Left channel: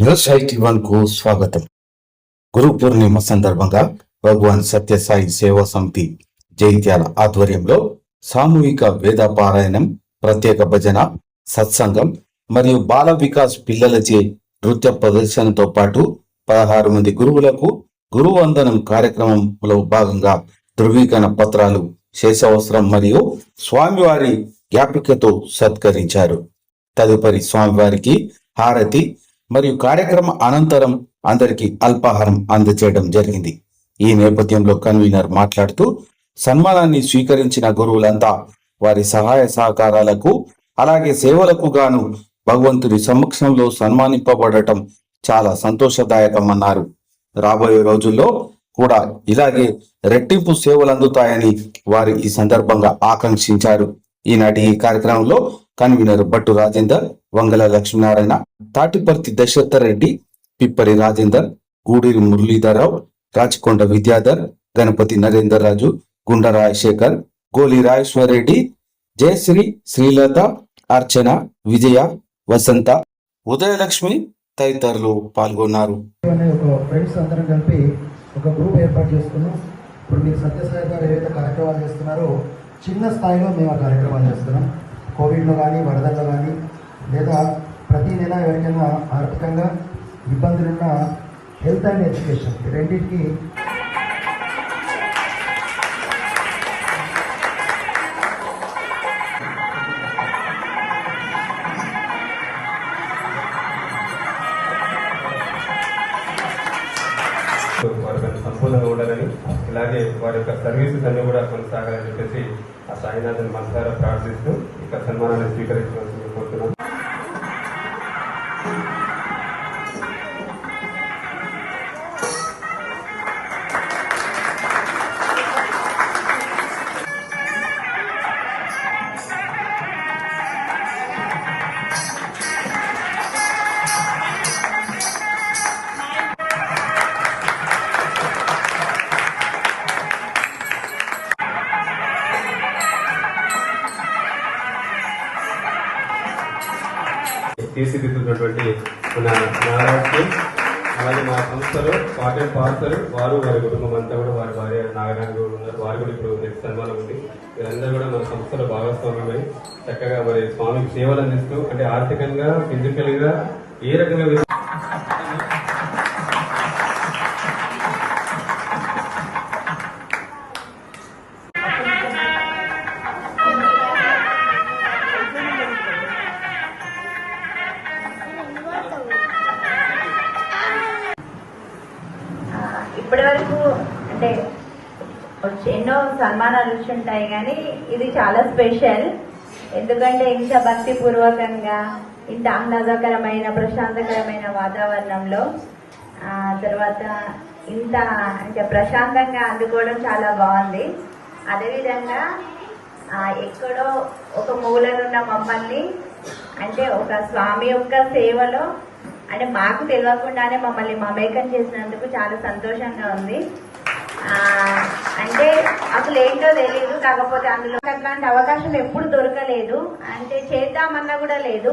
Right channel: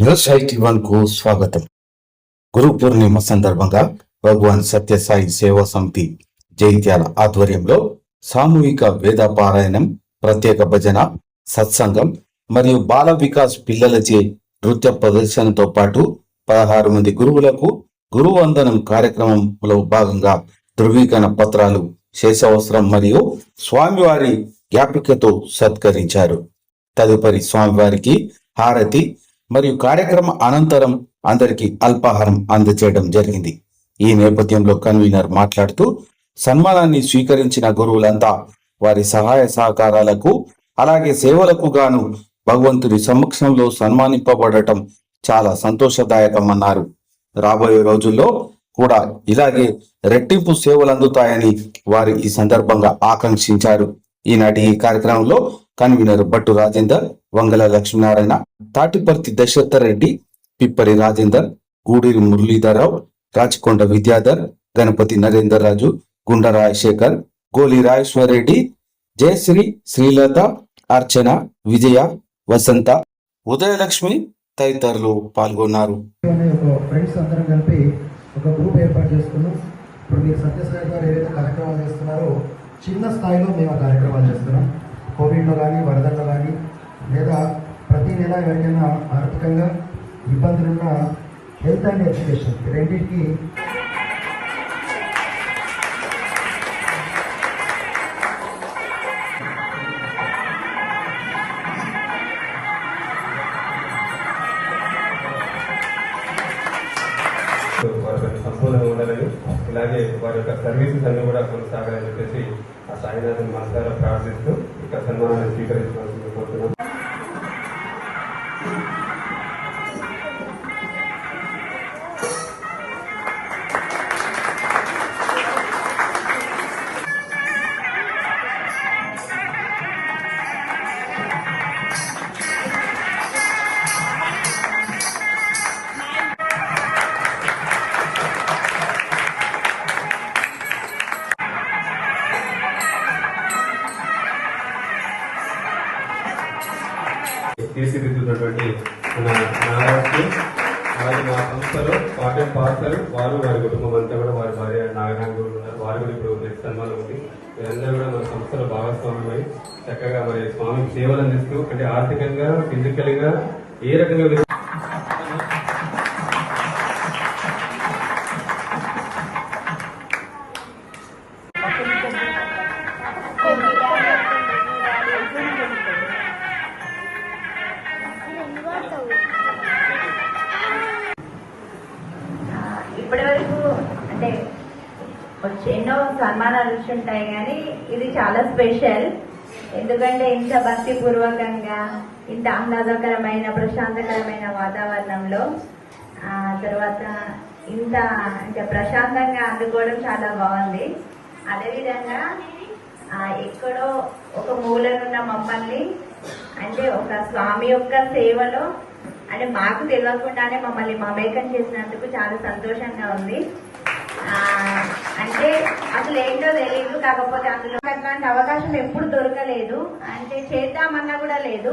News eighty వన్కు స్వాగతం. గురు పూర్ణిమ సందర్భంగా భగవాన్ సత్యసాయి సేవా సమితి జైత్యాల ఆధ్వర్యంలో సామూహిక వేద పారాయణం ప్రత్యేక భజన సత్సంగం మరియు బాల వికాస్ పిల్లలచే నృత్య ప్రదర్శనతో పాటు పదహారు మంది గురువులకు గురువందనం కార్యక్రమంలో భాగంగా ధృవీకరణ పత్రాలు శేషవస్త్రం మరియు స్వామివారి జ్ఞాపికతో సత్కరించారు. తదుపరి స్వామివారికి హారతి మరియు కార్యక్రమ అనంతరం అందరికి అల్పాహారం అందచేయడం జరిగింది. ఈ నేపథ్యంలో కన్వీనర్ మాట్లాడుతూ సన్మానాన్ని స్వీకరించిన గురువులంతా వారి సహాయ సహకారాలకు అలాగే సేవలకు గాను భగవంతుడి సమక్షంలో సన్మానింపబడటం చాలా సంతోషదాయకమన్నారు. రాబోయే రోజుల్లో కూడా ఇలాగే రెట్టింపు సేవలు అందుతాయని వారు ఈ సందర్భంగా ఆకాంక్షించారు. ఈనాటి ఈ కార్యక్రమంలో కన్వీనర్ భట్టు రాజేందర్ వంగల లక్ష్మీనారాయణ తాటిపర్తి దశరథ రెడ్డి పిప్పరి రాజేందర్ గూడూరి మురళీధరరావు రాచకొండ విద్యాధర్ గణపతి నరేందర్ రాజు గుండ రాజశేఖర్ గోలి రాజేశ్వర్ రెడ్డి జయశ్రీ శ్రీలత అర్చన విజయ వసంత ఉదయలక్ష్మి తదితరులు పాల్గొన్నారు. ఒక గ్రూప్ ఏర్పాటు చేసుకున్నాం. ఇప్పుడు మీరు సత్యసాయి గారు ఏదైతే కార్యక్రమాలు చేస్తున్నారో చిన్న స్థాయిలో మేము కార్యక్రమాలు చేస్తున్నాం. కోవిడ్లో కానీ వరదల్లో కానీ లేదా ప్రతి నెల ఎవరికైనా ఆర్థికంగా ఇబ్బందులున్న హెల్త్ అండ్ ఎడ్యుకేషన్ రెండింటికి సంపూర్ణంగా ఉండాలని అలాగే వారి యొక్క సర్వీసెస్ అన్ని కూడా కొనసాగాలని చెప్పేసి ఆ సాయినాథన్ మనసారా ప్రార్థిస్తూ ఇక సన్మానాన్ని స్వీకరించవలసింది తీర్చిదిద్దుతున్నటువంటి మన మహారాష్ట్ర అలాగే మా సంస్థలో కాటన్ పార్సల్ వారు వారి కుటుంబం అంతా కూడా వారి భార్య నాగరాజు కూడా ఉన్నారు. వారు కూడా ఇప్పుడు నెక్స్ట్ సన్మానం ఉంది వీరందరూ కూడా మన సంస్థలో భాగస్వామ్యమై చక్కగా మరి స్వామికి సేవలు అందిస్తూ అంటే ఆర్థికంగా ఫిజికల్గా ఏ రకంగా ఎన్నో సన్మానాలు ఉంటాయి కానీ ఇది చాలా స్పెషల్. ఎందుకంటే ఇంత భక్తిపూర్వకంగా ఇంత ఆహ్లాదకరమైన ప్రశాంతకరమైన వాతావరణంలో తర్వాత ఇంత అంటే ప్రశాంతంగా అందుకోవడం చాలా బాగుంది. అదేవిధంగా ఎక్కడో ఒక మూలనున్న మమ్మల్ని అంటే ఒక స్వామి యొక్క సేవలో అంటే మాకు తెలియకుండానే మమ్మల్ని మమేకం చేసినందుకు చాలా సంతోషంగా ఉంది. అంటే అసలు ఏంటో తెలియదు కాకపోతే అందులో అట్లాంటి అవకాశం ఎప్పుడు దొరకలేదు. అంటే చేద్దామన్నా కూడా లేదు.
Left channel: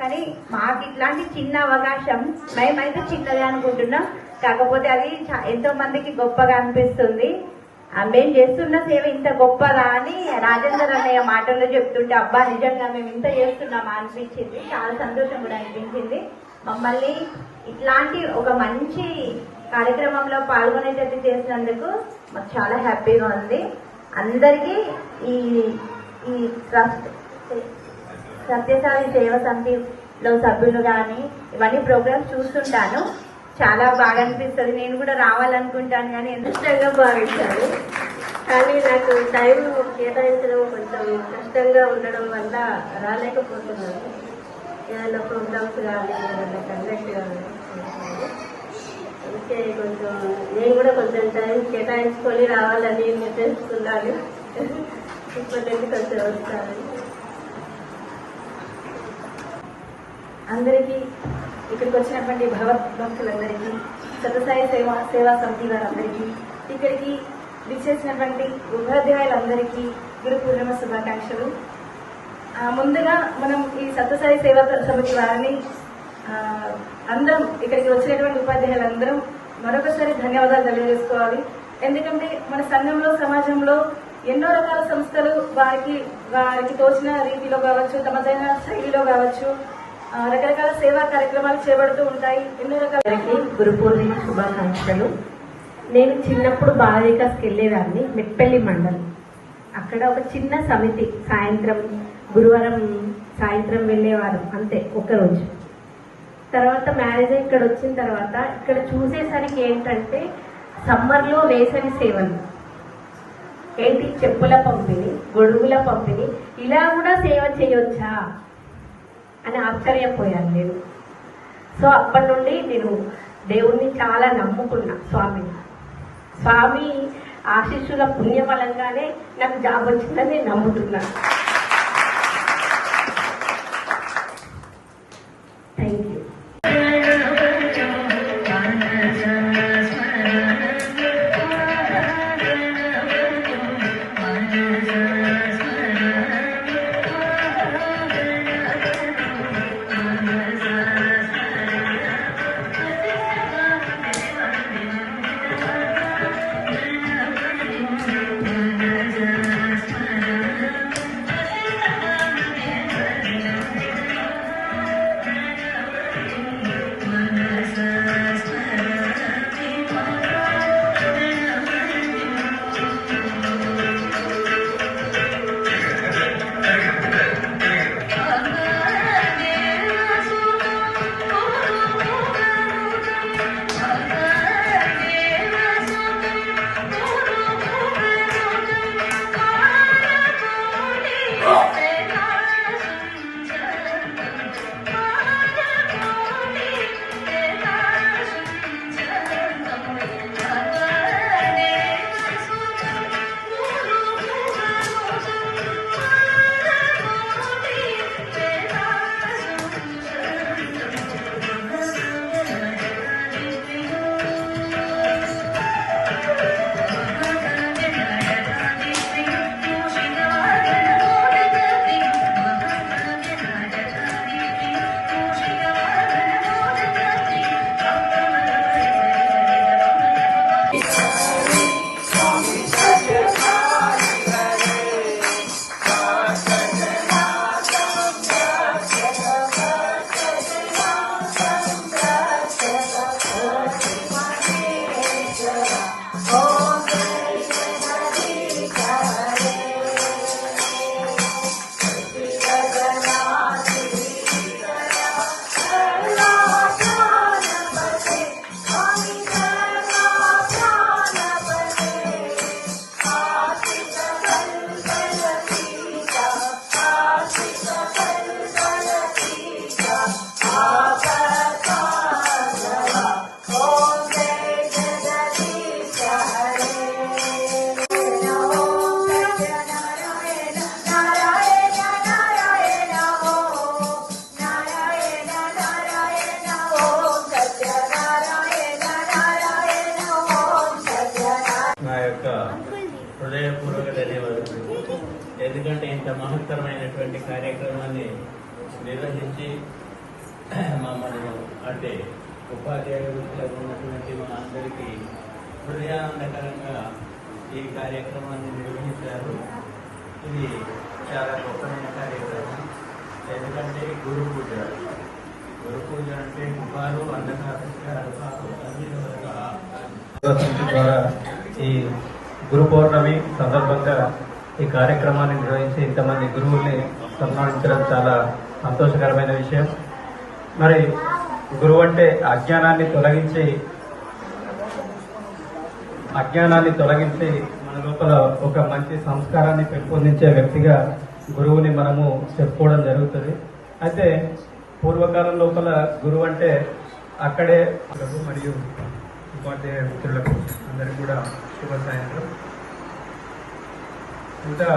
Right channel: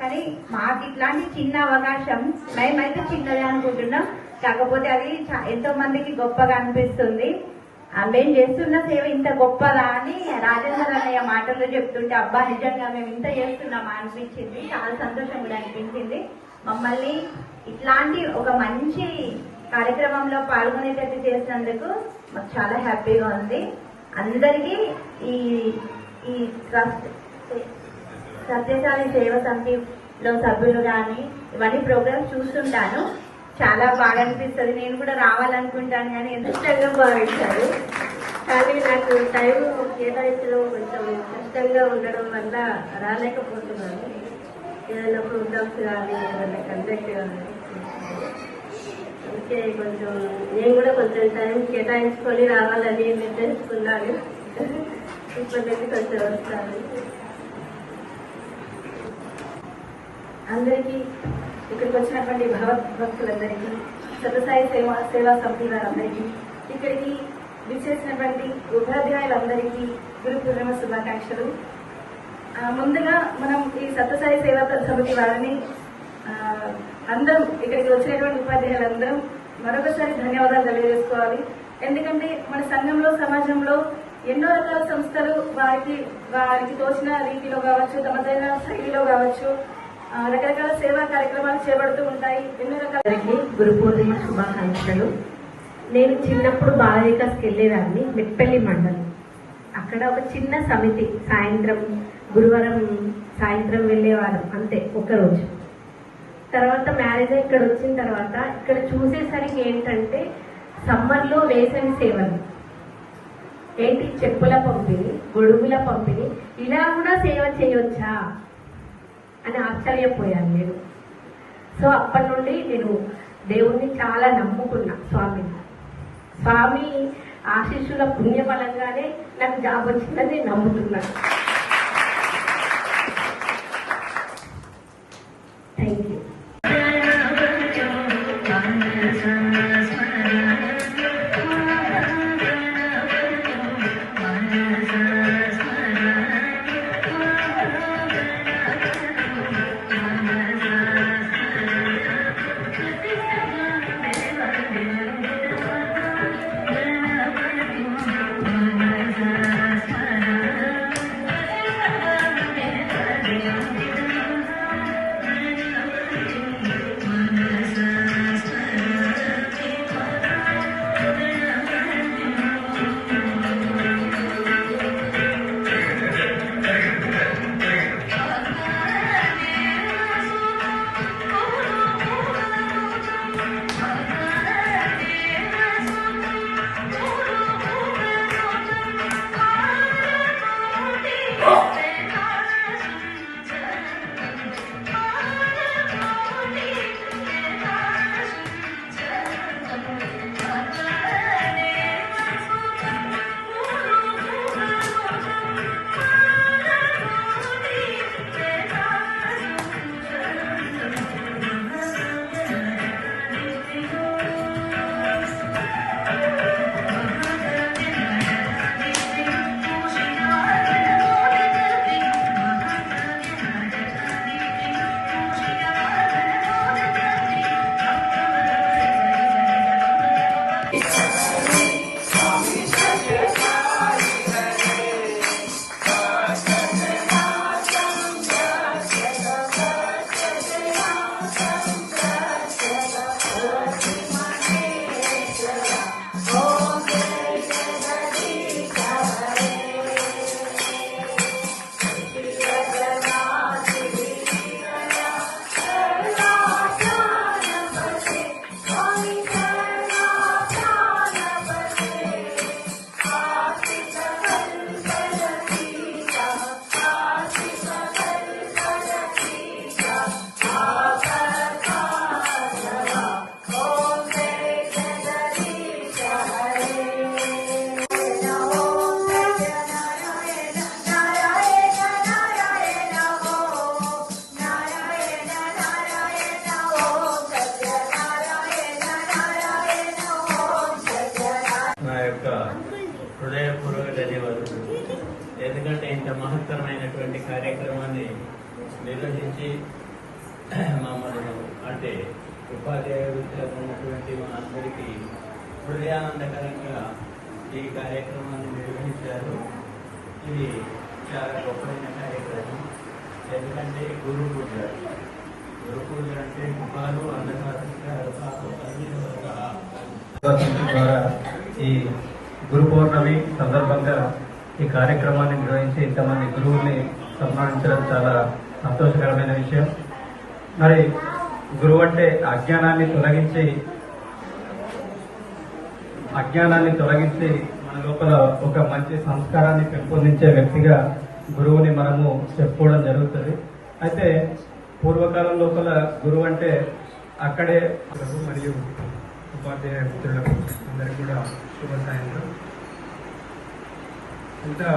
కానీ మాకు ఇట్లాంటి చిన్న అవకాశం మేమైతే చిన్నదే అనుకుంటున్నాం. కాకపోతే అది ఎంతో మందికి గొప్పగా అనిపిస్తుంది. మేము చేస్తున్న సేవ ఇంత గొప్పదా అని రాజేంద్ర అన్నయ్య మాటల్లో చెప్తుంటే అబ్బా నిజంగా మేము ఇంత చేస్తున్నామా? అనిపించింది. చాలా సంతోషం కూడా అనిపించింది. మమ్మల్ని ఇట్లాంటి ఒక మంచి కార్యక్రమంలో పాల్గొనేటట్టు చేసినందుకు మాకు చాలా హ్యాపీగా ఉంది. అందరికీ ఈ ఈ ట్రస్ట్ సత్యసాయి సేవ సమితిలో సభ్యులు కానీ ఇవన్నీ ప్రోగ్రామ్స్ చూస్తుంటాను. చాలా బాగా అనిపిస్తుంది. నేను కూడా రావాలనుకుంటాను కానీ ఎంత ఇష్టంగా కానీ నాకు టైం కేటాయించడం కొంచెం కష్టంగా ఉండడం వల్ల రాలేకపోతున్నాను. ఏదైనా ప్రోగ్రామ్స్ కానీ ఏదైనా కండక్ట్ కానీ. అందుకే కొంచెం నేను కూడా కొంచెం టైం కేటాయించుకొని రావాలని నిర్ణయిస్తున్నాను. ఇప్పుడు కొంచెం వస్తాను అందరికీ ఇక్కడికి వచ్చినటువంటి భగవద్భక్తులందరికీ సతసాయి సేవ సేవా సమితి వారందరికీ ఇక్కడికి విచ్చేసినటువంటి ఉపాధ్యాయులందరికీ గురు పూర్ణిమ శుభాకాంక్షలు ముందుగా మనం ఈ సత్యసాయి సేవా సమితి వారిని అందరం ఇక్కడికి వచ్చినటువంటి ఉపాధ్యాయులందరం మరొకసారి ధన్యవాదాలు తెలియజేసుకోవాలి. ఎందుకంటే మన సంఘంలో సమాజంలో ఎన్నో రకాల సంస్థలు వారికి వారికి తోచిన రీతిలో కావచ్చు తమదైన శైలిలో కావచ్చు రకరకాల సేవా కార్యక్రమాలు చేపడుతూ ఉంటాయి. ఎన్నో రకాల గురు పూర్ణిమ శుభాకాంక్షలు. నేను చిన్నప్పుడు బాలవికాస్కి వెళ్ళేదాన్ని మెట్పల్లి మండలం. అక్కడ ఒక చిన్న సమితి సాయంత్రం గురువారం సాయంత్రం వెళ్ళేవారు అంతే ఒక్కరోజు. తర్వాత మ్యారేజ్ ఇక్కడ వచ్చిన తర్వాత ఇక్కడ చూసేసరికి ఏంటంటే సమ్మర్లో వేసవి సేవలు. ఏంటి? చెప్పుల పంపిణీ గొడుగుల పంపిణీ. ఇలా కూడా సేవ చేయొచ్చా? అని ఆశ్చర్యపోయాను నేను. సో అప్పటి నుండి నేను దేవుణ్ణి చాలా నమ్ముకున్నా స్వామిని స్వామి ఆశీస్సుల పుణ్యఫలంగానే నాకు జాబ్ వచ్చిందని నేను అంటే ఉపాధ్యాయుడిగా ఉన్నటువంటి మా అందరికీ హృదయానందకరంగా ఈ కార్యక్రమాన్ని నిర్వహించారు. ఇది చాలా గొప్పైన కార్యక్రమం. ఎందుకంటే గురు పూజ. గురు పూజ అంటే ముఖాలు అంధకారు అన్ని ద్వారా ఈ గురు పౌర్ణమి సందర్భంగా ఈ కార్యక్రమాన్ని నిర్వహించి ఇంతమంది గురువుల్ని సన్మానించడం చాలా సంతోషకరమైన విషయం. మరి గురువు అంటే అజ్ఞానాన్ని తొలగించి అజ్ఞానాన్ని తొలగించి మన లోపల ఒక మంచి సంస్కారాన్ని పెంపొందించే వ్యక్తిగా గురువుని మనము చెప్పుకోవడం జరుగుతుంది. అయితే పూర్వకాలం లోపల గురువు అంటే అక్కడే మరియు ఉపాధ్యాయ మిత్రులకు అందరికి కూడా శుభాశయాలు ఇంకా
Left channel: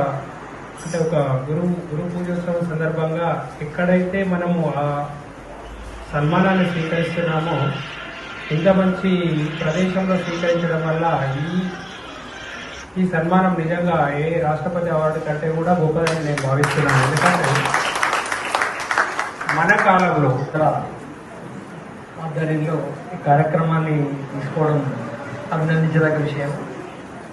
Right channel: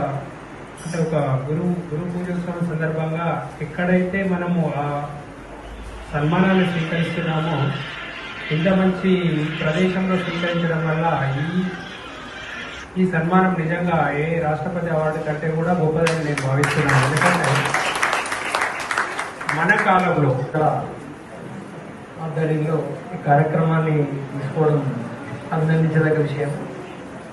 అంటే ఒక గురువు గురు పూజోత్సవం సందర్భంగా ఎక్కడైతే మనము ఆ సన్మానాన్ని స్వీకరిస్తున్నామో. ఇంత మంచి ప్రదేశంలో స్వీకరించడం వల్ల ఈ ఈ సన్మానం నిజంగా ఏ రాష్ట్రపతి అవార్డు కంటే కూడా గొప్పదని నేను భావిస్తున్నాను. ఎందుకంటే మన కాలంలో ఇక్కడ ఆధ్వర్యంలో ఈ కార్యక్రమాన్ని తీసుకోవడం అభినందించదగ్గ విషయం.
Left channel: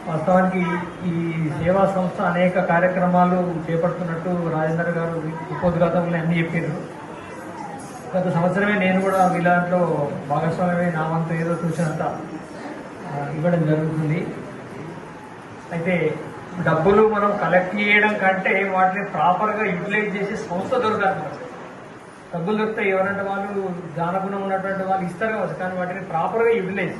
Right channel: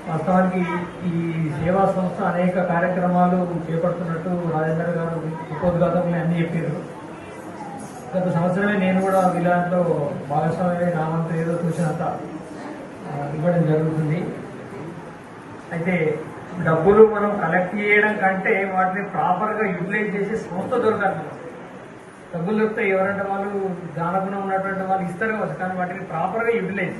వాస్తవానికి ఈ సేవా సంస్థ అనేక కార్యక్రమాలు చేపడుతున్నట్టు రాజేంద్ర గారు ఉపోద్ఘాతంలో అన్ని చెప్పారు. గత సంవత్సరమే నేను కూడా వీళ్ళలో భాగస్వామ్యమే నా వంతు ఏదో చూసినంత ఇవ్వడం జరుగుతుంది. అయితే డబ్బులు మనం కలెక్ట్ చేయడం కంటే వాటిని ప్రాపర్గా యూటిలైజ్ చేసే సంస్థ దొరకాలి. డబ్బులు దొరికితే ఎవరంటే వాళ్ళు దానగుణం ఉన్నటువంటి వాళ్ళు ఇస్తారు కావచ్చు కానీ వాటిని ప్రాపర్గా యూటిలైజ్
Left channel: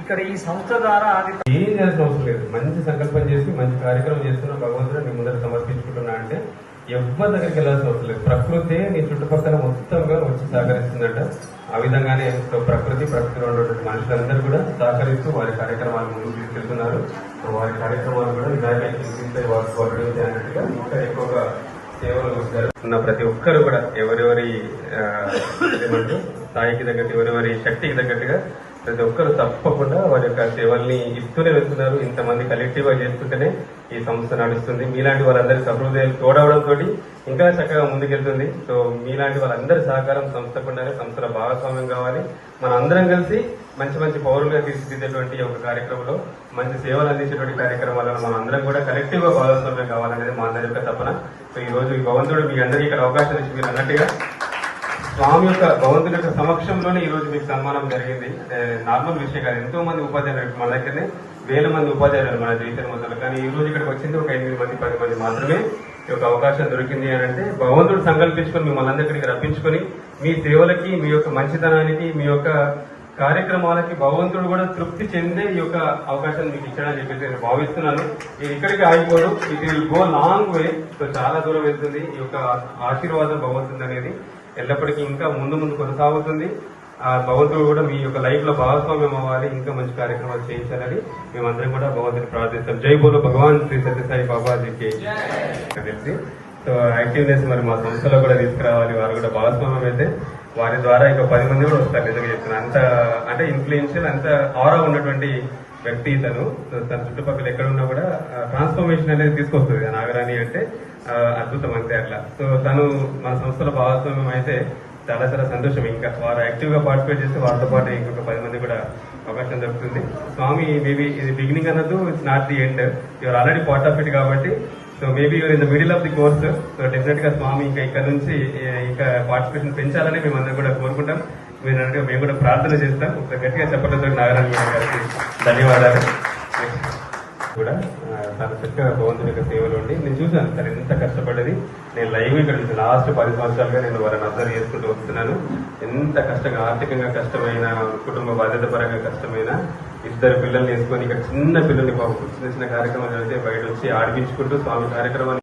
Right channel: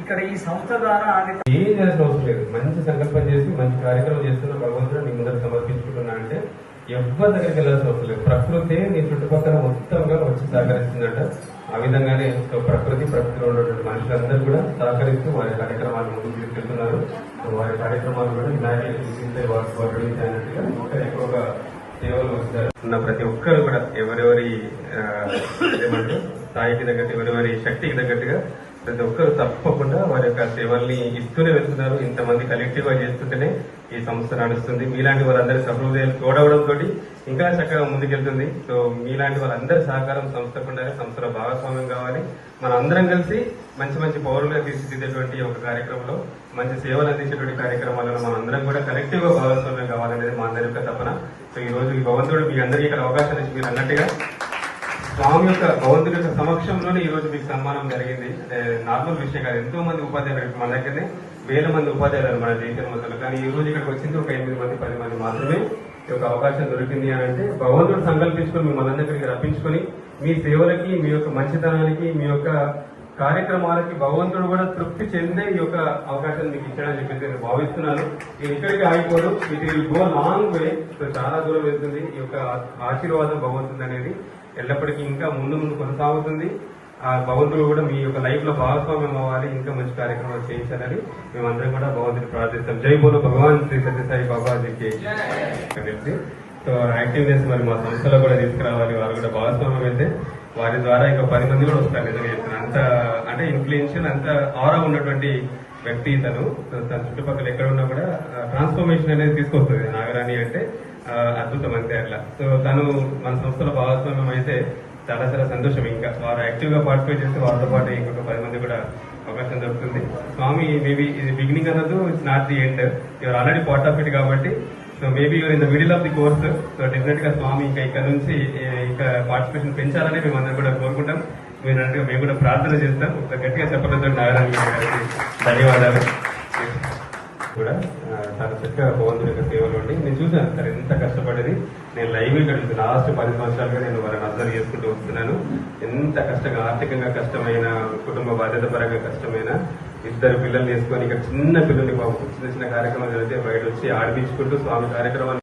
ఇక్కడ ఈ సంస్థ ద్వారా అది ఏం చేసిన అవసరం లేదు. మంచి సంకల్పం చేసి మంచి కార్యక్రమం చేస్తున్న భగవంతుడు మీ ముందర సమర్పించి ఎవరి దగ్గరికి వెళ్ళాల్సిన అవసరం లేదు. ప్రకృతి నీ చుట్టుపక్కల మొత్తంగా వచ్చి సహకరిస్తుందట. ఆ విధంగానే ప్రకృతి ప్రకృతిలో ఉన్నటువంటి మనుషులందరూ కూడా సహకరిస్తూ వారి కార్యక్రమాలు ముందుకు తీసుకెళ్తున్నారు వారి కార్యక్రమాలు కూడా ఇమాజినేషన్ తీసే వారి అన్నట్టుగా ఇంకా ఎక్కువగా సేవలు వస్తారు ఉన్న ప్రతి ఒక్కరు కూడా ఎవరెవరి ఏమంటారు స్థాయికి తగ్గట్టు ఎవరెవరి శక్తికి తగ్గట్టుగా ప్రతి ఒక్కరు తప్పకుండా వారి యొక్క సేవల్ని ఇస్తూనే వెళ్తున్నారు ఇంతమంది కలెక్టివ్గా చేస్తుంటేనే ఈ సంస్థ నడుస్తుంది. మీలాంటి వారందరి సహృదయాలు తోడవడంతో ఇంకా చక్కగా ముందుకెళ్తుంది. సో మీలాంటి వాళ్ళందరి సహకారం సంస్థకు ఉండాలి సంస్థలో భాగస్వామ్యం కావాలి. మన అందరం కలిసి మంచి మంచి పౌరులుగా తీర్చిదిద్దేటువంటి ఒక కార్యక్రమంలో మంచి సేవలు అందించేటువంటి కార్యక్రమాలలో మనం అందరం కూడా కలెక్టివ్గా భాగస్వామ్యం కావాలనేది మా అందరి యొక్క తపన. సో ఈ రోజు భగవంతుడు మీ అందరికీ ఇక్కడ అవకాశం ఇచ్చి మీరు అన్నట్టుగా స్వామి యొక్క భగవంతుడి యొక్క సమక్షంలోనే ఈ రోజు మీకు సన్మానం జరిగింది. నార్మల్ విషయం కాదు. ఎంతో మంది ఉపాధ్యాయులు మన దగ్గరనే వేల మంది ఉపాధ్యాయులు మన జీవితం మొదలు కానీ ఈ రోజు ఇక్కడికి వచ్చింది ఒక ఎనిమిది మంది పది మంది మాత్రమే ఈ యొక్క అవకాశం దొరికింది అని అంటే భగవంతుడు సంకల్పించుకొని మిమ్మల్ని అందరికీ రప్పించుకొని మీ సేవలకి మీ యొక్క మంచితనానికి మీ యొక్క కార్యక్రమాలకి భగవంతుడు కూడా తృప్తి చెందే ఈ యొక్క అవకాశం మీకు ఇచ్చాడని చెప్పేసి నేను భావిస్తున్నాను. ఇది ఇక్కడికి ఆగిపోదు ఇది గో లాంగ్ వే సో చాలా దూరం వెళ్తుంది. ఈ యొక్క ఆశీర్వాదం భగవంతుడు అనేది ఎల్లప్పటికీ ఇంకా ముందు ముందు కొనసాగుతుంది. ఆ భగవంతుడు కూడా మీ యొక్క లైఫ్లో భాగస్వామ్యం అవ్వాలి ఇంకా మంచి కార్యక్రమాలు చేయించాలని మేమందరం కూడా భగవంతుని ప్రార్థిస్తాం. జై బోలో భగవాన్ శ్రీ సత్యసాయి బాబాజీకి. సో యాక్టివ్నెస్ మరి మా సంస్థలో కూడా తీసుకురావాలి వాళ్ళు కూడా భాగస్వామ్యం అయితే. వారి ద్వారా ఇంకా పది మంది కూడా వస్తారు నిజంగా అంత అంటే ఇన్ఫ్లుయెన్షియల్ అంత ఆరా ఉన్నటువంటి వ్యక్తి తను తన చుట్టుపక్కల ఎక్కడ ఉన్నా కూడా ట్రాన్స్ఫర్మేషన్ అనేది తీసుకొస్తుంది. నాగరాణి అంటే అద్భుతం అంతే అట్లా. సో తను మన సంస్థలో భాగస్వామ్యం అయితే చాలా చాలా సంతోషం. ఇంకా వారు యాక్టివ్గా పార్టిసిపేట్ చేస్తే వారితో పాటు ఇంకొక పది మంది కూడా అవకాశం దొరుకుతుంది. స్వామి మేబీ ఇది బిగినింగ్ అన్నది not the end your already part of it కాబట్టి so maybe you're in the middle of the course so డెఫినెట్గా స్వామి ఇంకా ఇక్కడ నుంచి ఇంకా పార్టిసిపేషన్ పెంచాలని మేము అందరం కూడా కోరుకుంటాం. మీరంటే మేము కూడా ప్రార్థన చేస్తాం. ఒక గట్టిగా చెప్పడం నారాయణ గారికి. ధన్యవాదాలు. కూడా చాలా చక్కగా భగవంతుడి యొక్క సేవలు ఉండి నేను చూశాను సార్ ఎంత కష్టపడేది. నేను లైవ్ ఇక్కడ లాస్ట్ పది సంవత్సరాలుగా నేను వారిని అబ్జర్వ్ చేసుకుంటూ వస్తున్నాను. ఎంత కష్టంగా ఆర్థికంగా కష్టమైన కుటుంబ బాధ్యత పరంగా కష్టమైన ఇద్దరు పిల్లలు తీసుకొని ఇక్కడ చిన్న పిల్లలు బాబు చిన్న చిన్న కార్యక్రమాలు అయితే బయట వచ్చి ఆడిపించుకుంటూ స్వామి కార్యక్రమాలు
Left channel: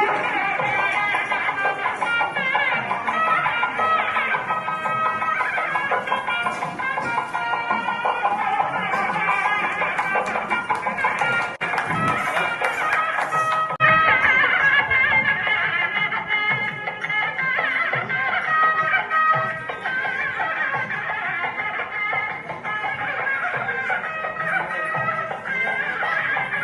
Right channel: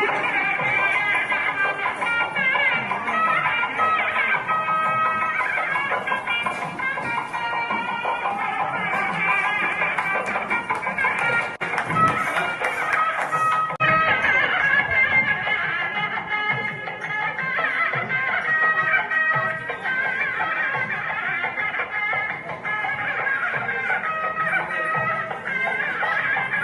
Yeah.